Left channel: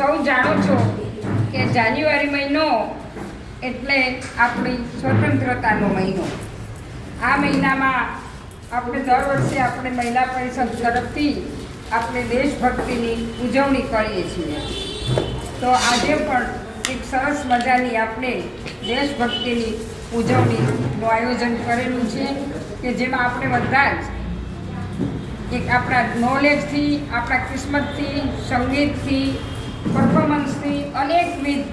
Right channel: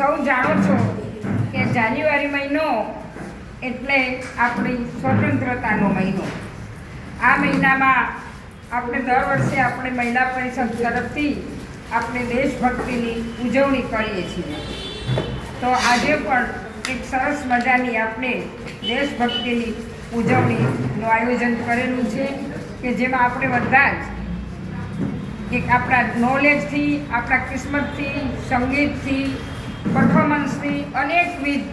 સૌ જાણો છો કે જાન્યુઆરી મહિનો એટલે આપણી સ્વતંત્રતાનો મહિનો. આ મહિનામાં આપણે દર વર્ષે આપણે મહિલા પરિષદ તરફથી આપણે દેશભક્તિની ઉજવણી કરીએ છીએ. તો આજે પણ એક સરસ મજાની આપણે દેશભક્તિની ઉજવણીનું આયોજન કરેલું છે કે જેમાં આપણે બધા જ એક આપણા નોલેજથી, આપણા કિસ્મતથી, સંગીતથી, પરફોર્મન્સથી, અનેકવિધ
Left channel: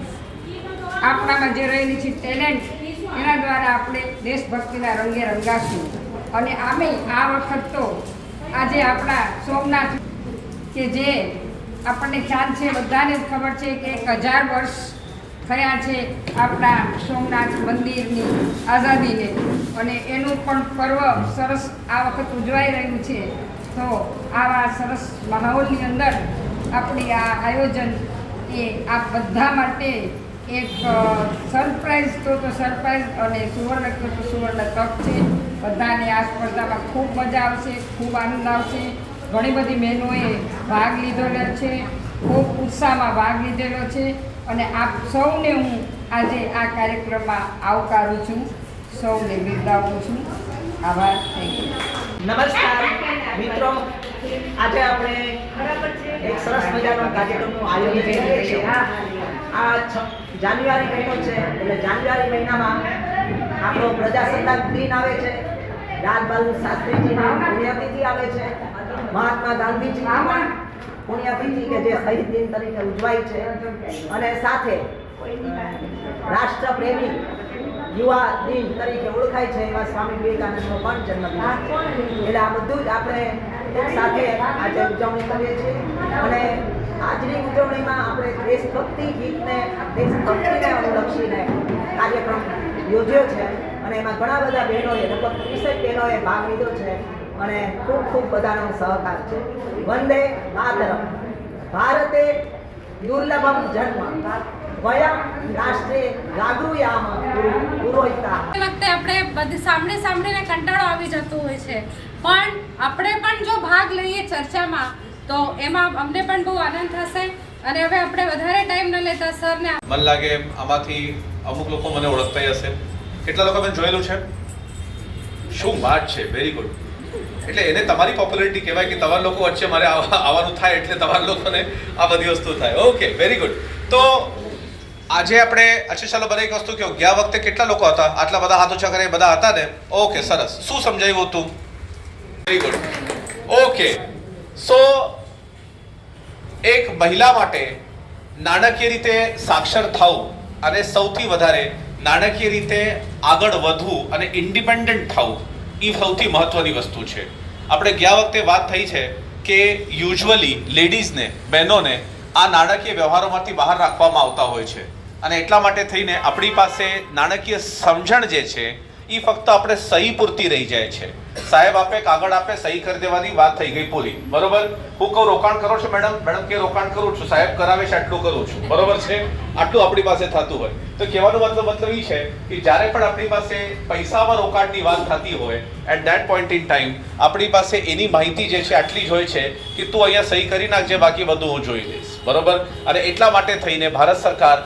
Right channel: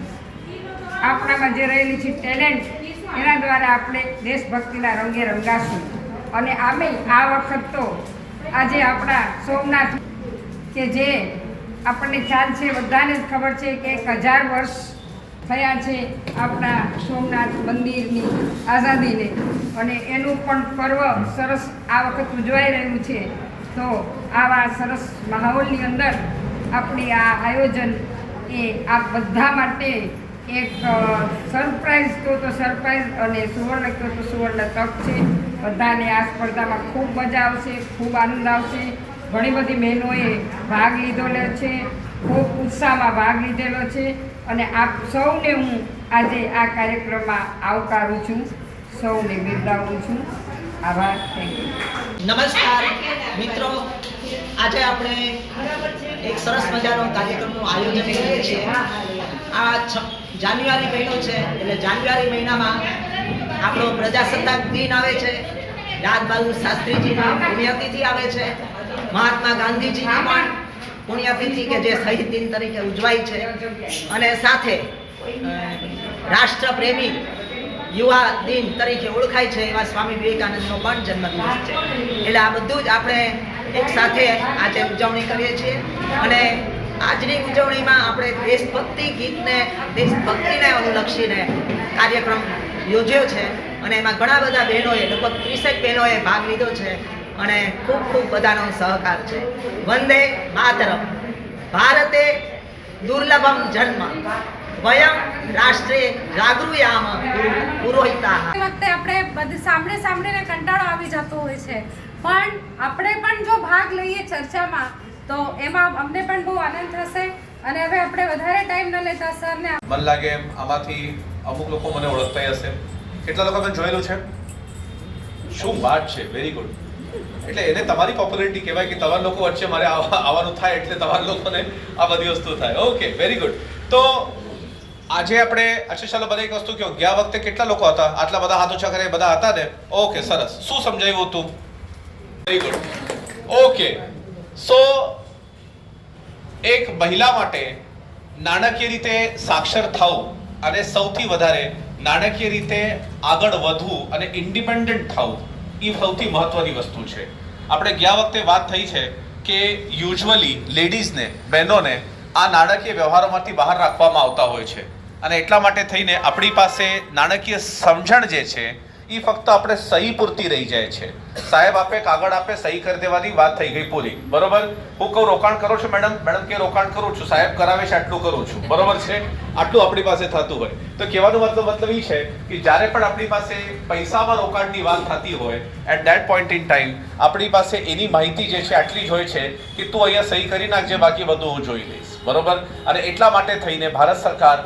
આપણામાં જે રહેલી છે ટેલેન્ટ, એના દ્વારા આપણે દેશભક્તિના રંગે રંગાશું. અને આમે આ વખત તો આજે આપણા સોમનાથ કે જે આપણને ખ્યાલ છે, બધાને જ ખબર છે કે 1000 વર્ષ થયા છે આપણા સોમનાથ મંદિરની આઝાદીને, અને એનું પણ પર્વ સરસ આ વખત ઉજવાઈ રહ્યું છે. તો આવા સરસ માહોલની અંદર આપણી આ આયોજન એ આ બધા માટે એક સરપ્રાઈઝ તો સરપ્રાઈઝ અને સુવર્ણ કહો તો સુવર્ણ તક છે. બધાને આ સ્પર્ધામાં ખૂબ મજા આવશે, ખૂબ આનંદ આવશે. ઘણી બધી બહેનોએ ભાગ લીધેલો છે, ખૂબ ઉત્સાહમાં ભાગ લીધેલો છે, અને આપ સૌને હું આજે આ કાર્યક્રમમાં આવકારું છું, સૌને બિરદાવું છું. આભાર. Thank you. નમસ્કાર મિત્રો, આજે આપણે એક સરસ મજાનો કાર્યક્રમનું આયોજન કરીએ છીએ. આ જાન્યુઆરી મહિનો છે એટલે જાન્યુઆરી મહિનામાં આપણો પ્રજાસત્તાક દિન આવે છે, લાલ બહાદુર શાસ્ત્રીજીની પુણ્યતિથિ આવે છે, મહાત્મા ગાંધીજીની પણ પુણ્યતિથિ કે જે શહીદ દિન તરીકે ઉજવાય છે, અને સાથે રાષ્ટ્રપ્રેમી યુવા દિન તરીકે ઓળખાય છે એવા સ્વામી વિવેકાનંદનો પણ જન્મદિવસ છે. એટલે આ બધું જ આપણે એક સાથે આજે ઉજવણી કરીએ છીએ. અને આજની ઉજવણીમાં આપણે દેશભક્તિ ગીતને, દેશભક્તિને અનુલક્ષીને કાર્યક્રમ યોજ્યો છે, અને એમાં ઘણા બધા બહેનોએ, લગભગ 30 બહેનોએ ભાગ લીધો છે, અને ખૂબ ખૂબ બધાનો સહકાર છે. વંદે માતરમ. ભારતે દુર્લભમ જન્મ વયમ રાષ્ટ્રે જાગૃયામ પુરોહિતા. એ વખતે આપણે બધી સાંભળીને કંટાળો આવી જતો હોય છે, પણ આપણે પણ જો ભાગ લઈએ ચર્ચામાં તો એમાં અમને પણ બહુ આનંદ થશે. અને હવે આપણે વધારે ટાઈમ ન લેતા સરને મન લાગે આમાંથી અમુક લોકો મને ઓળખતા હશે. કેટલા લોકો મેં જોયેલું છે? શું વાત છે, વેરી ગુડ. એટલે એને તમારી પોપ્યુલારિટી કહેવાય કે તમારા લોકો વચ્ચે મારે આવવાનું થાય એટલે તમારા લોકોને આ બધી વસ્તુ થાય. Okay, very good. તો આજે આપણે અચ્છા ચાલો બધા એક વસ્તુ કહો, ગયા વખતે કેટલા લોકો હતા? આટલા બધા હાથ ઊંચા કરે બધા હતા ને? ઓકે, સરસ. શું સમજાવ્યું હતું? Very good. ઓકે, સો એક મહિલા માટે નાણાકીય રીતે સાક્ષર થવું અને સૌથી વધારે નાણાકીય રીતે આગળ વધવું અને ઇન્ડિપેન્ડન્ટ થવું એ સૌથી મહત્વની વસ્તુ છે. આપણે ગયા વખતે વાત થઈ છે કે યુઝ્યુઅલી લેડીઝને, બહેનોને આ નાણાકીય વ્યવહારોમાંથી બહાર રાખવામાં આવતા હોય છે, અને એટલા માટે થઈને આપણી પાસે નાણાકીય સમજણ જે છે એ ફક્ત આપણે સહી પૂરતી રહી જાય છે. સાહેબ આપે કાગળ આપે, સહી કરી દેવાની વાત થઈ ગઈ પૂરી. બરોબર? હું કહું રોકાણ કરો છો મેડમ, મેડમ કે રોકાણ કરું છું, સાહેબ કરાવે છે આટલું કરું છું. બરોબર છે? આટલું આપણી પાસે થતું હોય તો કહેવાનો મતલબ એ છે કે જ્યારે પણ આપણી પાસે પૈસામાં રોકાણની વાત થતી હોય, at that point in time આપણી પાસે એની માહિતી જે છે આટલી જ હોય છે કે તું અહીંયા સહી કરી નાખજે, બાકી બધું હું જોઈ લઈશ. બરોબર? અને એટલા માટે થઈને ભારત સરકાર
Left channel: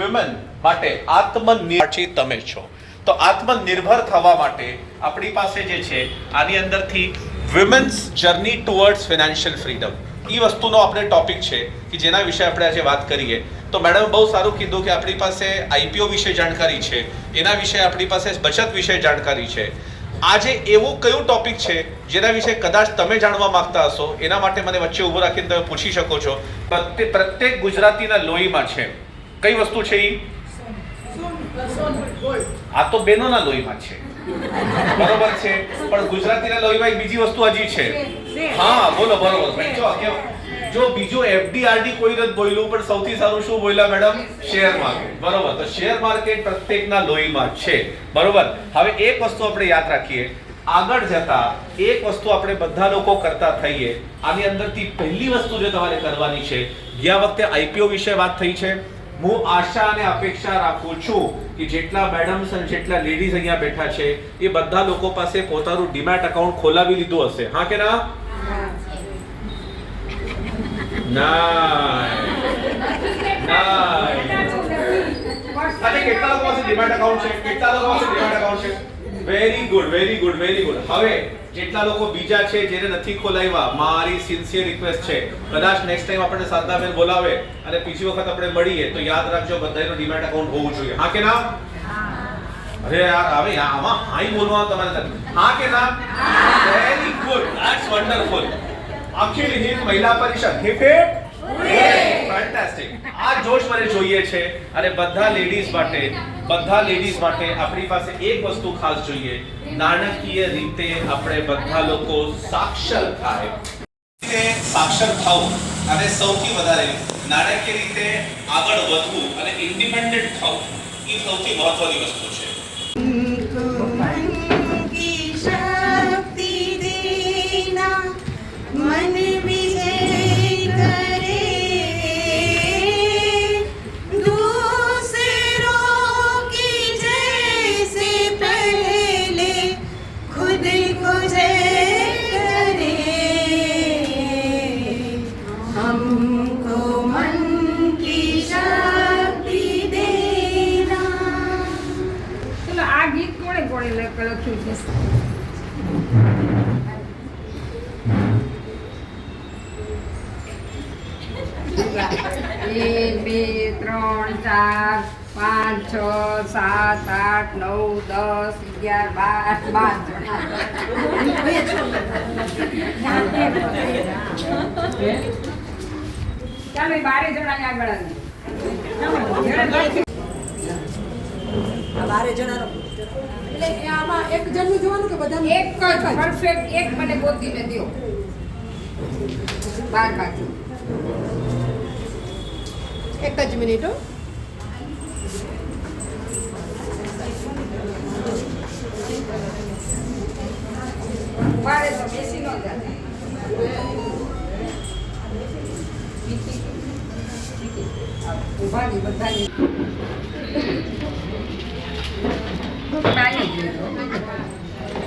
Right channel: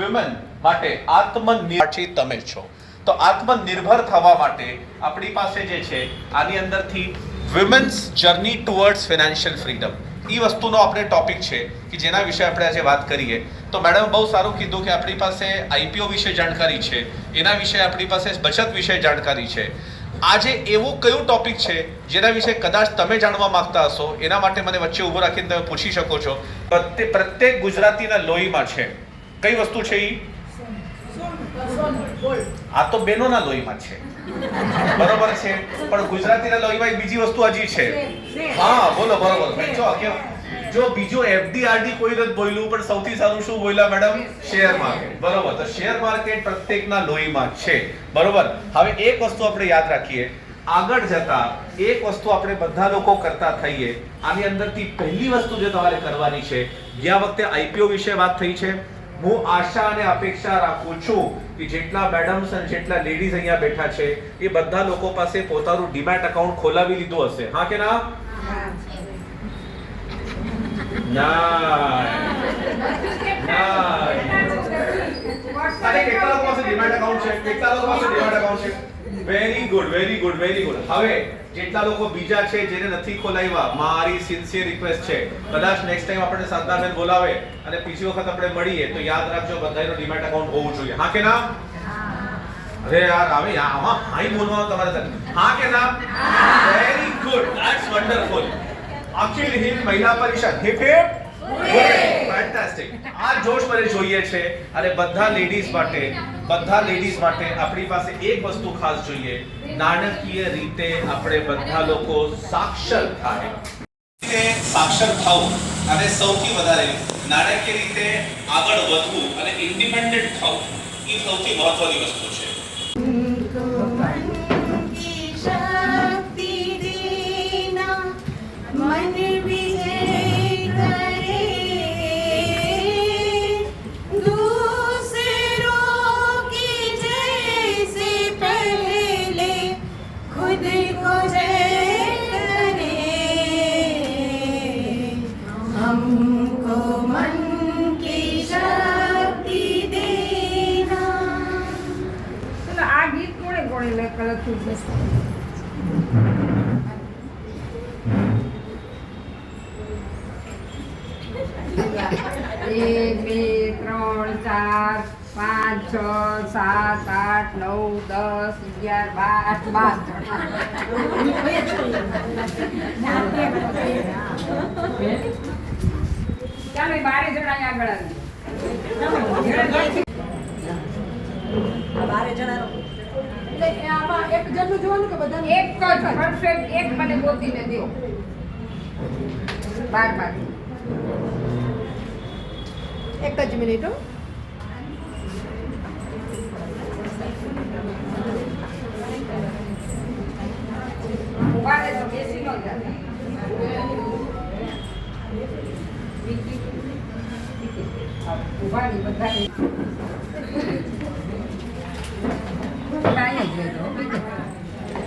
વિમેન માટે આત્મનિર્ભર તમે છો. તો આત્મનિર્ભર થવા માટે આપણી પાસે જે છે આની અંદરથી women's journey towards financial freedom એ વસ્તુનો આપણે ટોપિક છે કે જેના વિશે આપણે આજે વાત કરીએ. તો મેડમ બહુ સારું કીધું કે આપણી પાસે આઈપીઓ વિશે જાણકારી છે, એના વિશે આપણી પાસે બચત વિશે જાણકારી છે. આજે એવું કયું ટોપિક છે જેના વિશે કદાચ તમે જાણવા માંગતા હશો, એના માટે મને વચ્ચે ઊભો રાખીને તમે પૂછી શકો છો. પ્રત્યેક ગુજરાતીના લોહીમાં છે કઈ વસ્તુ છે એ? આ તો બહેનોના લોહીમાં છે. બરોબર છે? પણ ગુજરાતીના લોહીમાં એક બીજી વસ્તુ હજી છે. હા બોલો. બરોબર. જો બીજું એફડીઆરડી કોઈ નથી બોલ્યું, પણ સૌથી સારું શું બોલ્યા મેડમ? Share market. બરોબર. તો શેર માર્કેટ પ્રત્યેકના લોહીમાં છે. બરોબર. હવે એક વસ્તુ આપણે યાદ રાખીએ, આગળ જતા એક વસ્તુ આપણે બધા લોકો કરતા થઈએ. આની અંદરથી પહેલી વસ્તુ જે તમારે કરવાની છે, ગયા વખતે આઈપીઓ વિશે વાત થઈ છે. હું આશા અને અપેક્ષા રાખું છું કે જેટલા મેડમ્સ અને જેટલા લેડીઝ અહીંયા બેઠા છે એ બધા લોકો પાસે પોતાનું ડીમેટ એકાઉન્ટ ખોલાવી લીધું હશે. હા કે ના? ના. અરે કેટલા લોકો પાસે ડીમેટ એકાઉન્ટ છે? કેટલા લોકો પાસે ડીમેટ એકાઉન્ટ છે? Very good, very good, very good. હવે જેટલા લોકો બીજા છે જેને નથી ખોલાવ્યા, મારી સિન્સિયર રિક્વેસ્ટ છે, કદાચ નેક્સ્ટ ટાઈમ આપણે સાંતાબેન બોલાવે અને બીજી વખત આપણે મળીએ તો યાદ રાખજો બધાયનો ડીમેટ એકાઉન્ટ હોવું જોઈએ. હા કે ના? અરે યાર હવે આમાં હાઈ બોલવાનું તમારે નથી. હા કે ના? Very good, that's wonderful. Akhil Hind Mahila Parishad heap heap fantastic. આ જોશ મને જોઈએ છે અને બધા લેડીઝ માટે આપણી પાસે એક વસ્તુ ખાસ જોઈએ, નાણાકીય રીતે આપણે બધા લોકો સાક્ષર થાય. સાક્ષર થવું અને સૌથી વધારે નાણાકીય રીતે આગળ વધવું અને ઇન્ડિપેન્ડન્ટ થવું એ સૌથી મહત્વની વસ્તુ છે. એક, બે, ત્રણ, ચાર, 5, 6, 7, 8, 9, 10, 11, 12. ચાલો 12 જણા આગળ આવી. 12 જણાનો એટલે આમાં એક જણનું જોવાનું કે બધાનું? એક જ પરફેક્ટ એક મને ગોતીને દો. 12 બાકી. એક જ મિનિટ હો. ઉભારે તો બેસી ન જાય. ઉભાની બધાની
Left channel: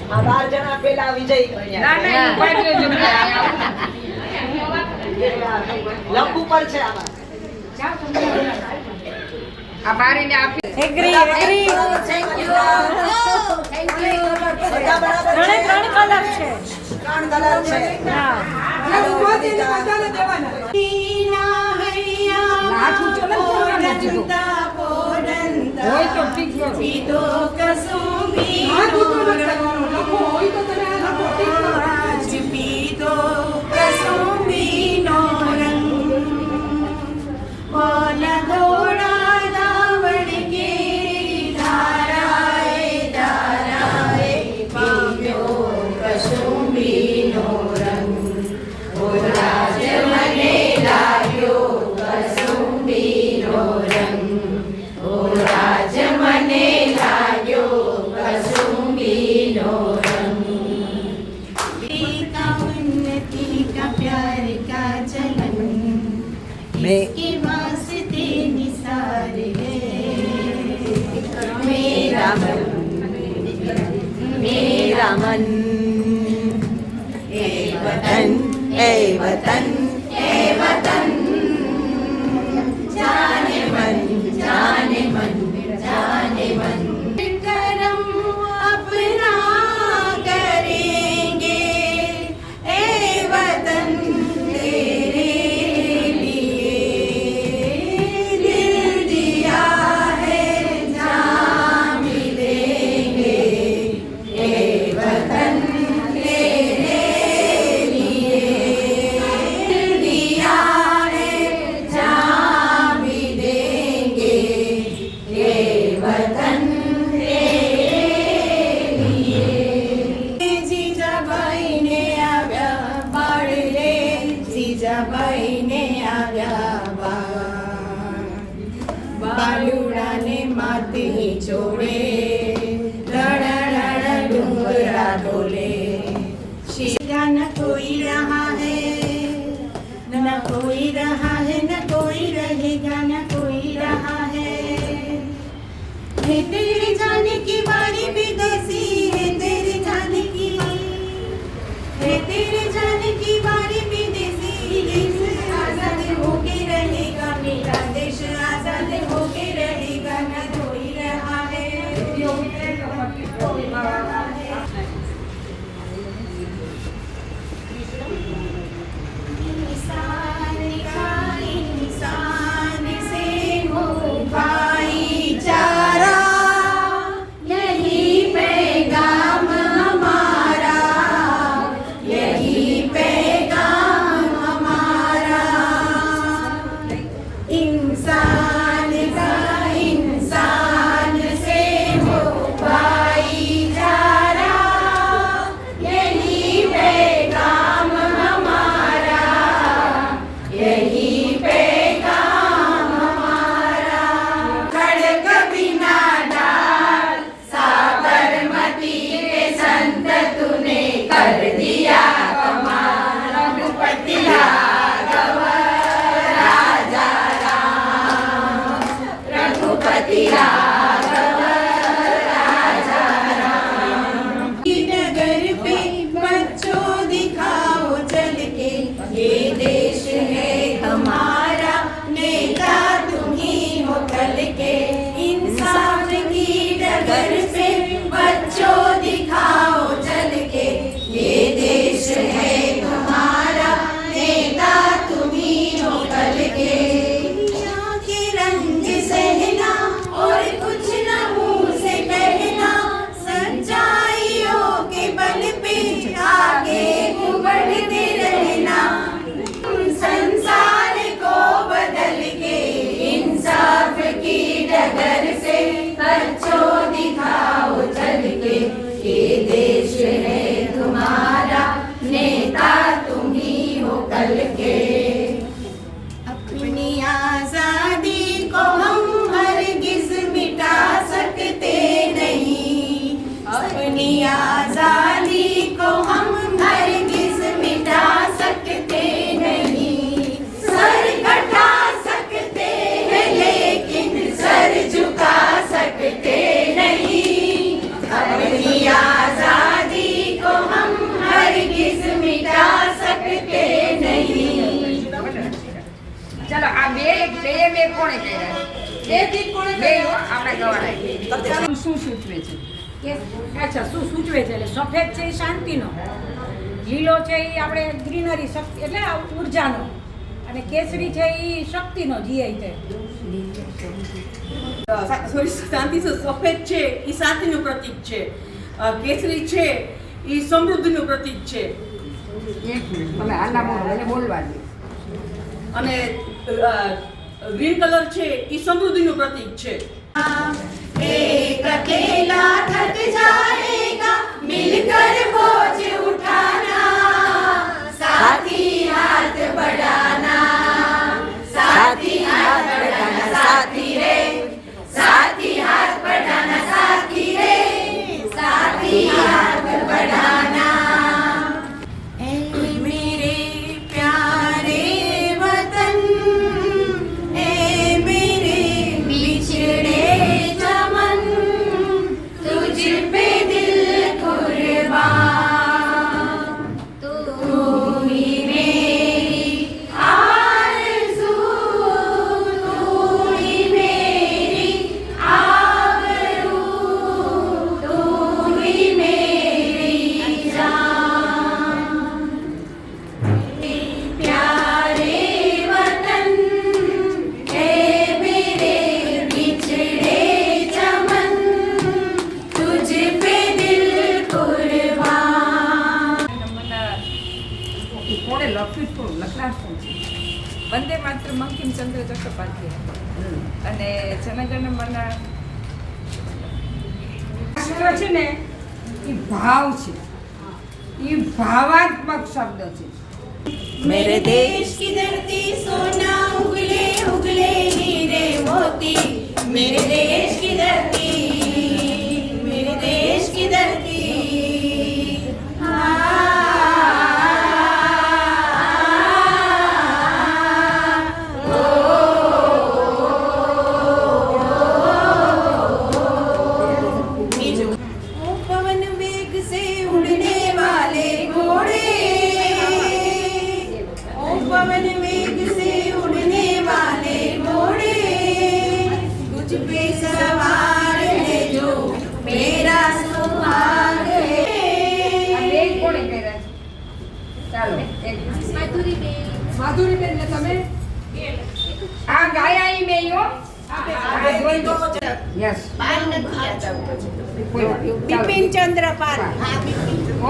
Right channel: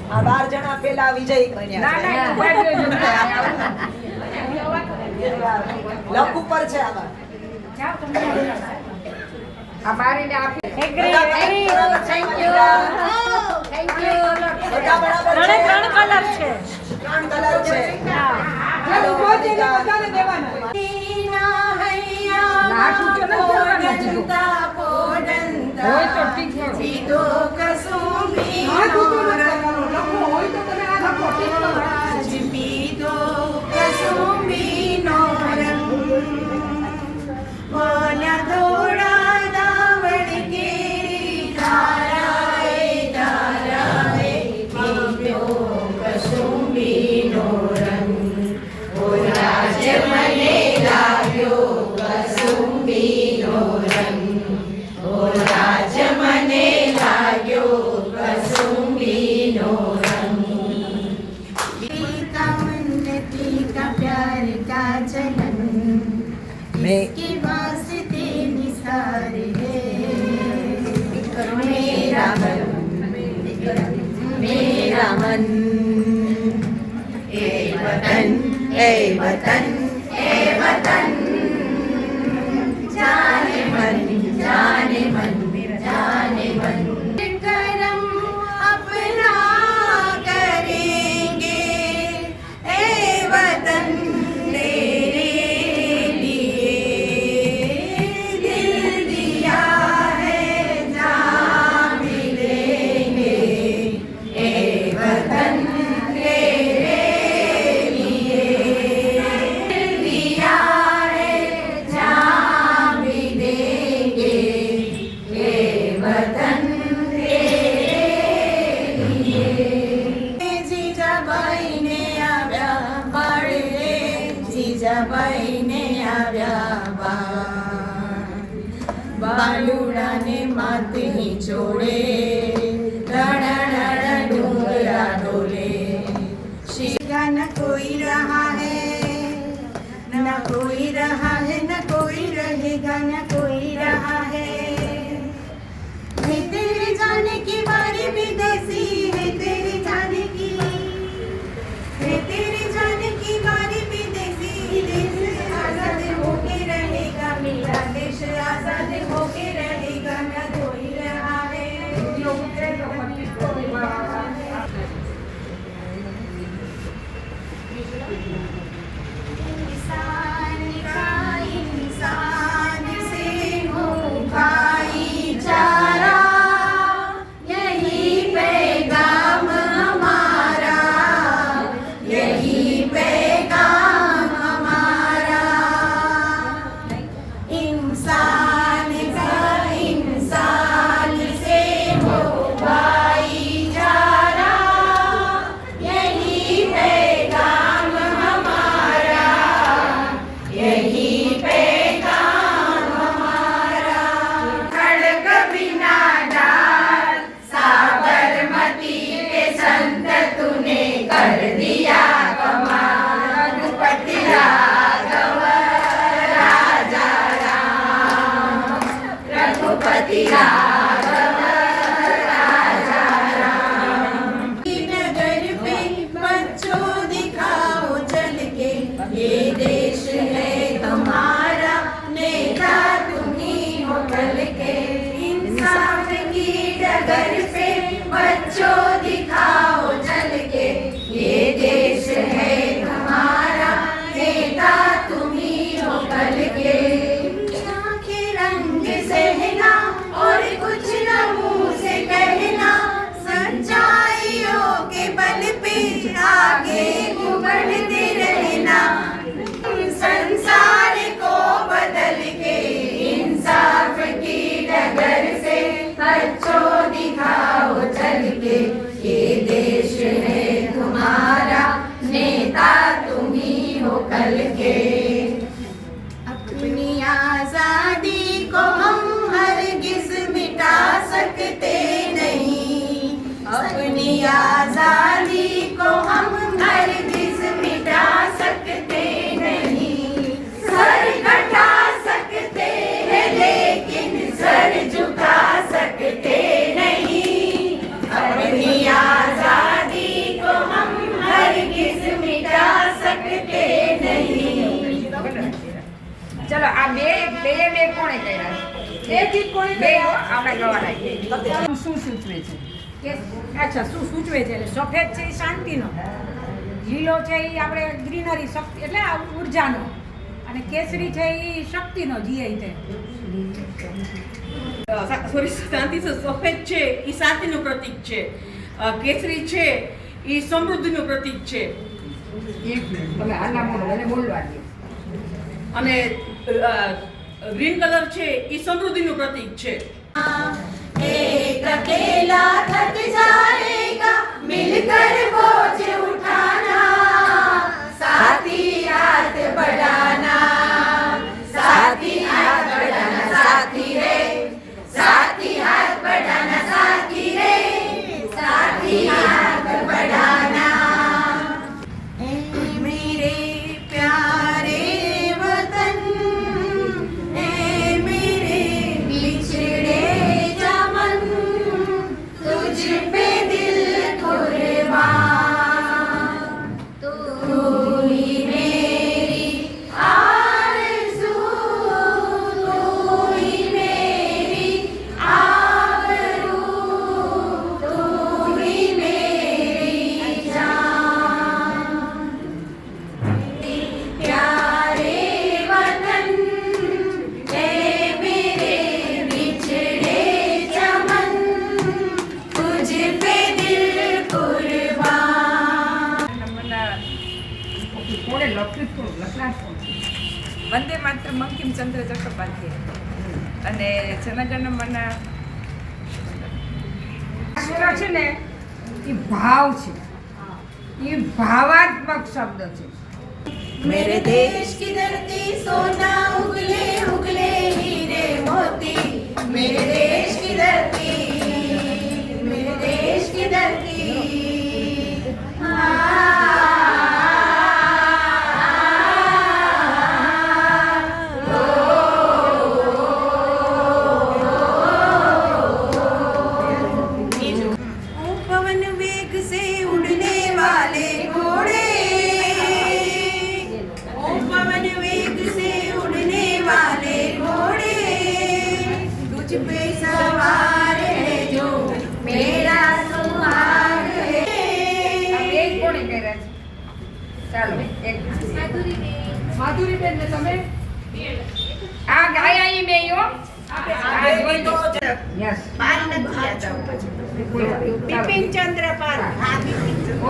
આ 12 જણા પેલા વિજય બન્યા ના છે. ના ઉભા લક ઉપર છે આમાં. આ બારીને આપી. બધા બરાબર છે. Thank you. બધા બરાબર છે. 3 કલર છે. 3 કલર છે. હાલો, બધાને દેવાના. હોય તો ઠીક છે. मेरा मन ए वतन जाने मन जाने मन जाने मन करम अपना करेंगे ए वतन तेरे लिए दिल दिया है जहाँ मिलेंगे ए वतन तेरे लिए दिल दिया है जहाँ मिलेंगे ए वतन तेरे लिए जीजाबाई ने આવ્યા બાળ રે જીજાબાઈ ને આવ્યા બાલુડાને માથે ચોડે રડ ડુંગરા ઢોલે शीरा न कोई रहा है न कोई रहा है न कोई रहेगा न कोई रहा है तेरे जाने की बारी विदेशी है तेरे जाने की है तेरे जाने की बारी विदेशी देश आजाद होके रहेगा मेरा देश કોણે કર્યા બે ગીત કોણે બે કર્યા? આપણે ગવાના શું સૂચવે છે કે અચ્છા શું સૂચવે છે એટલે સફેદ છે એ શાંતિનો, લીલો છે એ આપણે ગ્રીનરી શક્તિ એટલે આ ઉર્જાનો, અને કેસરી છે એ શક્તિનો જીઆઈ છે. સોરી શાંતિ સફેદ છે એ શાંતિનું પ્રતીક છે, કેસરી છે એ સમૃદ્ધિનું પ્રતીક છે, એક મિનિટ તમે આના બોલો મને બોલવા દે અને ગ્રીન કલર છે એ સમૃદ્ધિનું પ્રતીક છે. एक अकेला थक जाएगा मिलकर बोझ उठाना साथी हाथ बढ़ाना साथी हाथ बढ़ाना साथी रे साथी हाथ बढ़ाना साथी रे साथी हाथ बढ़ाना मेरे प्यारे वतन ए मेरे बिछड़े चमन तुझ पे दिल कुर्बान तू ही मेरी आरज़ू तू ही मेरी आबरू तू ही मेरी जान प्यारे वतन ए मेरे बिछड़े चमन तुझ पे दिल कुर्बान કોણે લખ્યું હતું લખાણ શું છે વંદે માત્ર બંકિમચંદ્ર ચટ્ટોપાધ્યાય અને જનગણ મન શબ્દ છે ને એ ભાવ છે એ ભાવાત્મક શબ્દ છે मेरे देश की धरती सोना उगले उगले हीरे मोती मेरे देश की धरती मेरे देश की धरती ओ पवन वेग से उड़ने वाले घोड़े ओ पवन वेग से उड़ने वाले घोड़े तुझ पे सवार है जो मेरा सुहाग है આ એક કોણે કર્યા છે ચાલો એક માધુરીબેન ને તમે આ ગાયા ઈ મેં હો યસ પાલ નથી યાદ આવતું. બિપિનચંદ્ર પાલ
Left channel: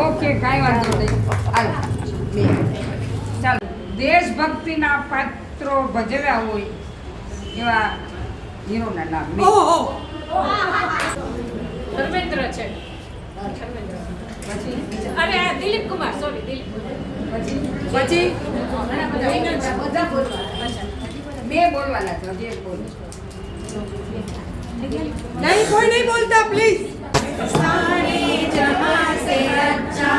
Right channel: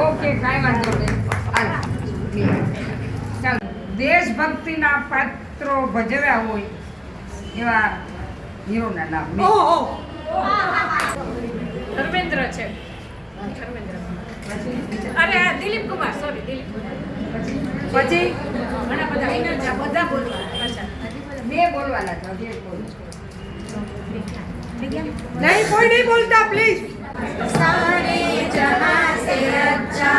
ઓકે કાંઈ વાંધો નહીં હાલો ચાલો દેશભક્તિના પાત્રો ભજવ્યા હોય એવા હીરોના નામ મેં ધર્મેન્દ્ર છે. ધર્મેન્દ્ર અરે આ દિલીપ કુમાર, સોરી દિલીપ કુમાર. પછી ઘણા બધા બધા બોલવા. અચ્છા બે બોલવાના છે હજી એક બોલ નહીં કોઈ નહીં બોલતા પ્લીઝ. सारे जहां से अच्छा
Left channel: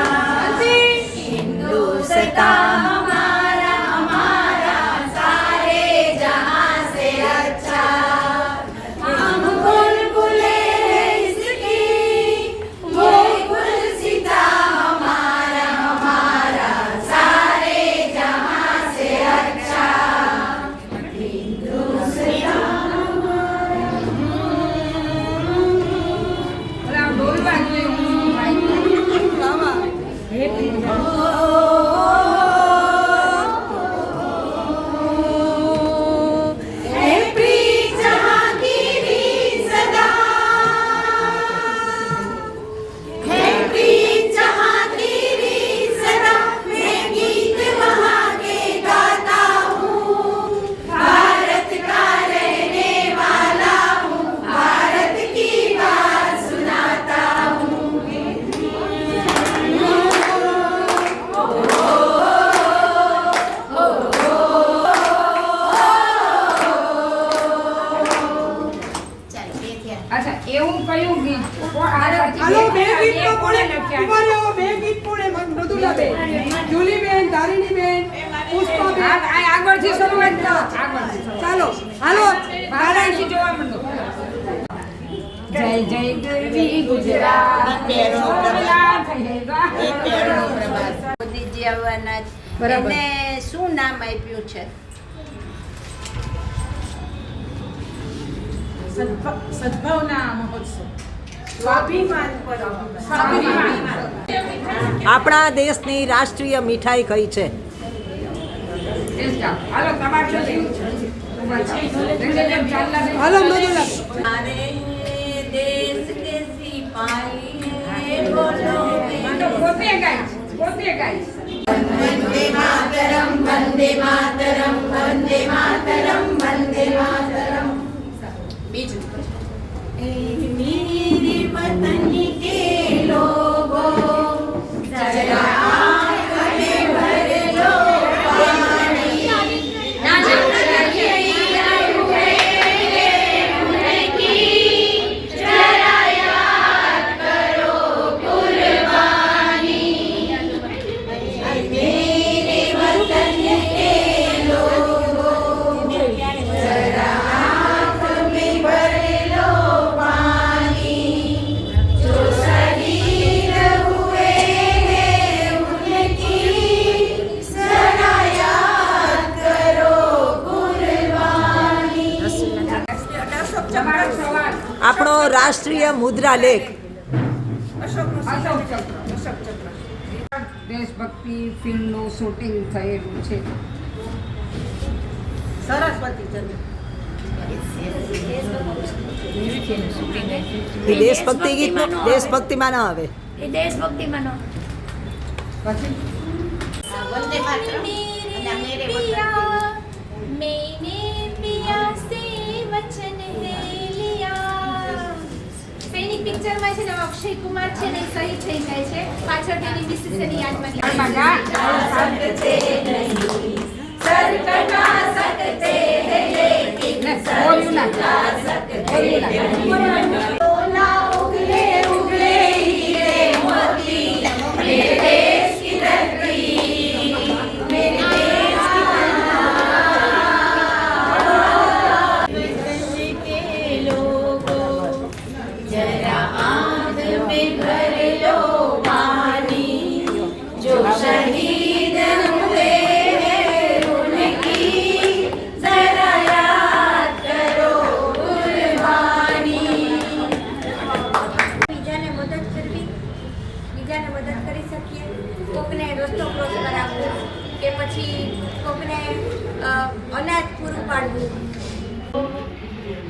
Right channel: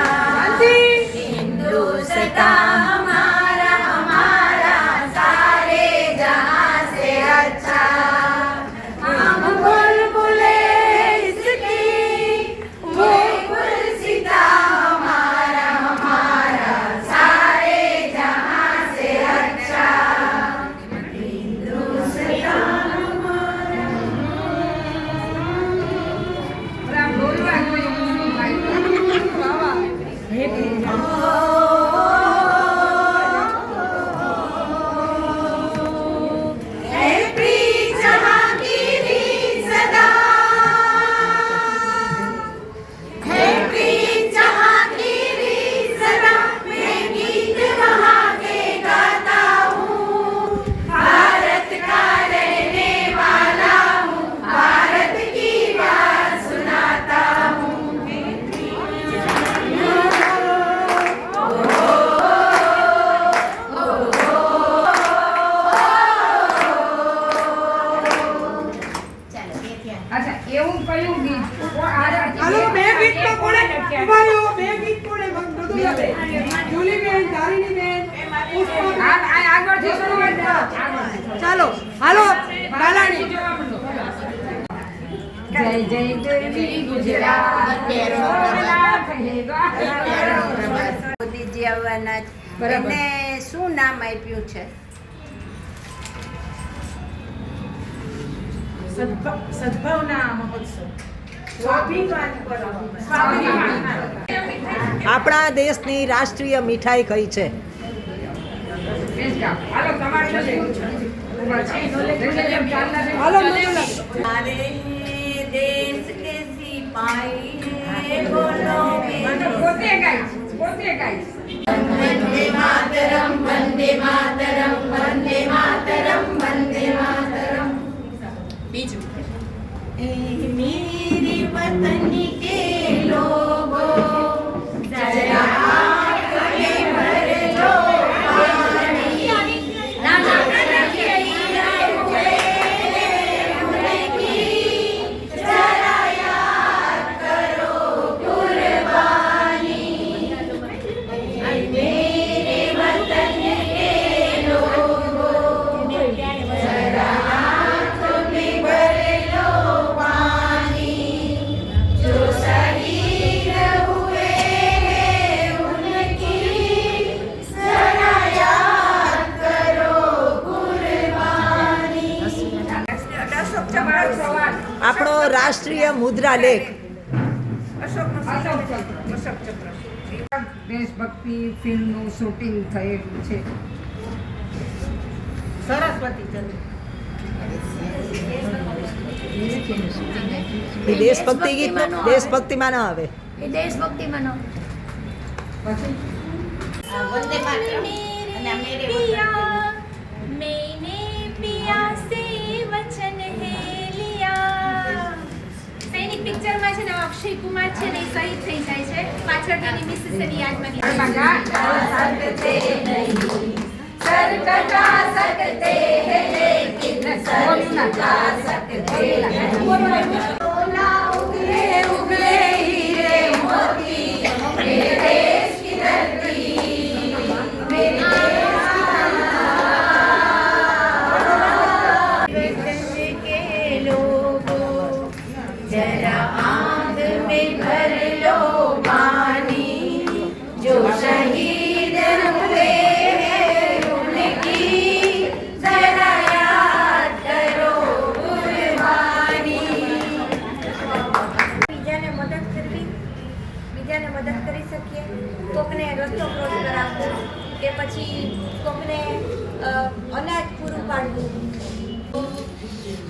हिंदुस्तान हमारा हमारा सारे जहां से अच्छा हम बुलबुले इसकी ये गुलसिता हमारा हमारा सारे जहां से अच्छा हिंदुस्तान આમ બોલવા જોઈએ है प्रीत जहां की भी सदा है प्रीत जहां की भी सदा मैं गीत वहां के गाता हूँ भारत का रहने वाला हूँ भारत की बात सुनाता हूँ અચ્છા એવું કયું ગીત હાલો બે ગીત તો કોણે ઉભા રહ્યો, બે ગીત કોણે મૃદુલાબેન, જુલીબેન, તારીણીબેન, પુષ્પાબેન. આગળથી શરૂઆત કરો આગળથી ચાલો હાલો આગળથી જોવા માંડો જય જય ગરવી ગુજરાત મોદીજી આવવાના છે. એને શું નામ આપ્યું છે? સદભાવના મહોત્સવ. સ્વાભિમાન પર આપણા દેશની રાષ્ટ્રીય મીઠાઈ કઈ છે? હાલો તમારે શું લેવું છે? હાલો મધુલા. हमारे देश के सिपाही हैं बोलो પોતે ગાઈશ પોતે ગાઈશ वंदे मातरम वंदे मातरम वंदे मातरम वंदे मातरम बीजू मेरे वतन के लोगो जरा आँख में भर लो पानी ना शहीद हुए उनकी जरा याद करो कुर्बानी मेरे वतन के लोगो जरा आँख में भर लो पानी जो शहीद हुए हैं उनकी जरा याद करो कुर्बानी તમારો સવાલ આપણો રાષ્ટ્રીય મુદ્રા લેખ. દેશભક્તિ ફિલ્મનું શૂટિંગ થયેલું છે. એ દેશભક્તિ ગીતનું દેશભક્તિમાં ન આવે. એ દેશભક્તિમાં નો मैंने पिया से वचन है लिया સૈનિક પિક્ચરમાં છે ને અક્ષય કુમાર છે ને એ શહીદ થઈ જાય છે પાછળ તેની મિસિસની યાદમાં सर कटा सकते हैं लेकिन सर झुका सकते हैं सोना उगले उगले हीरे मोती मेरे देश की धरती मेरे देश की के लोगों जरा आँख में भर लो पानी जो शहीद हुए हैं उनकी जरा याद करो कुर्बानी બીજાને મદદ કરવી બીજાને મદદ કરી શકીએ કોકને રસ્તો ક્રોસ કરાવવો કે પછી કોકને અનાજ પૂરું પાડવું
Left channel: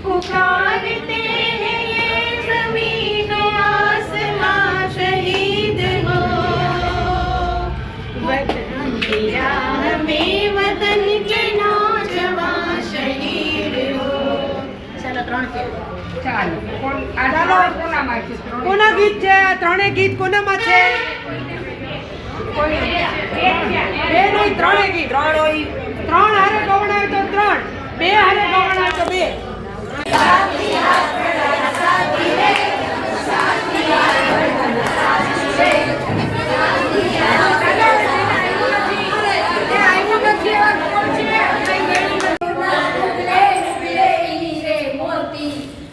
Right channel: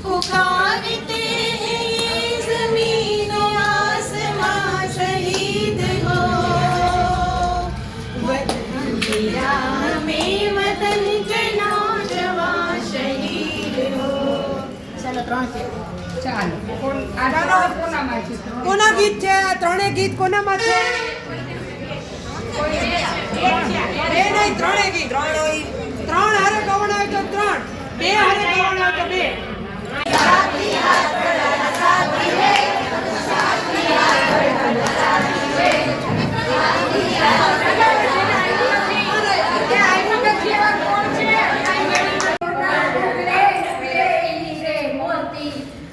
पुकारते हैं ये ज़मीन आसमां शहीद हो वतन की राह में वतन के नौजवान शहीद हो ચાલો આ કોનામાં છે? કોના ગીત છે? આ ત્રણેય ગીત કોનામાં છે? બે નહીં, ત્રણેય ગીત. ત્રણ હારે ગવડાવે તો ત્રણ, બે હારે ગવડાવે તો બે.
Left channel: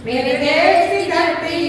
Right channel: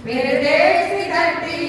मेरे देश की धरती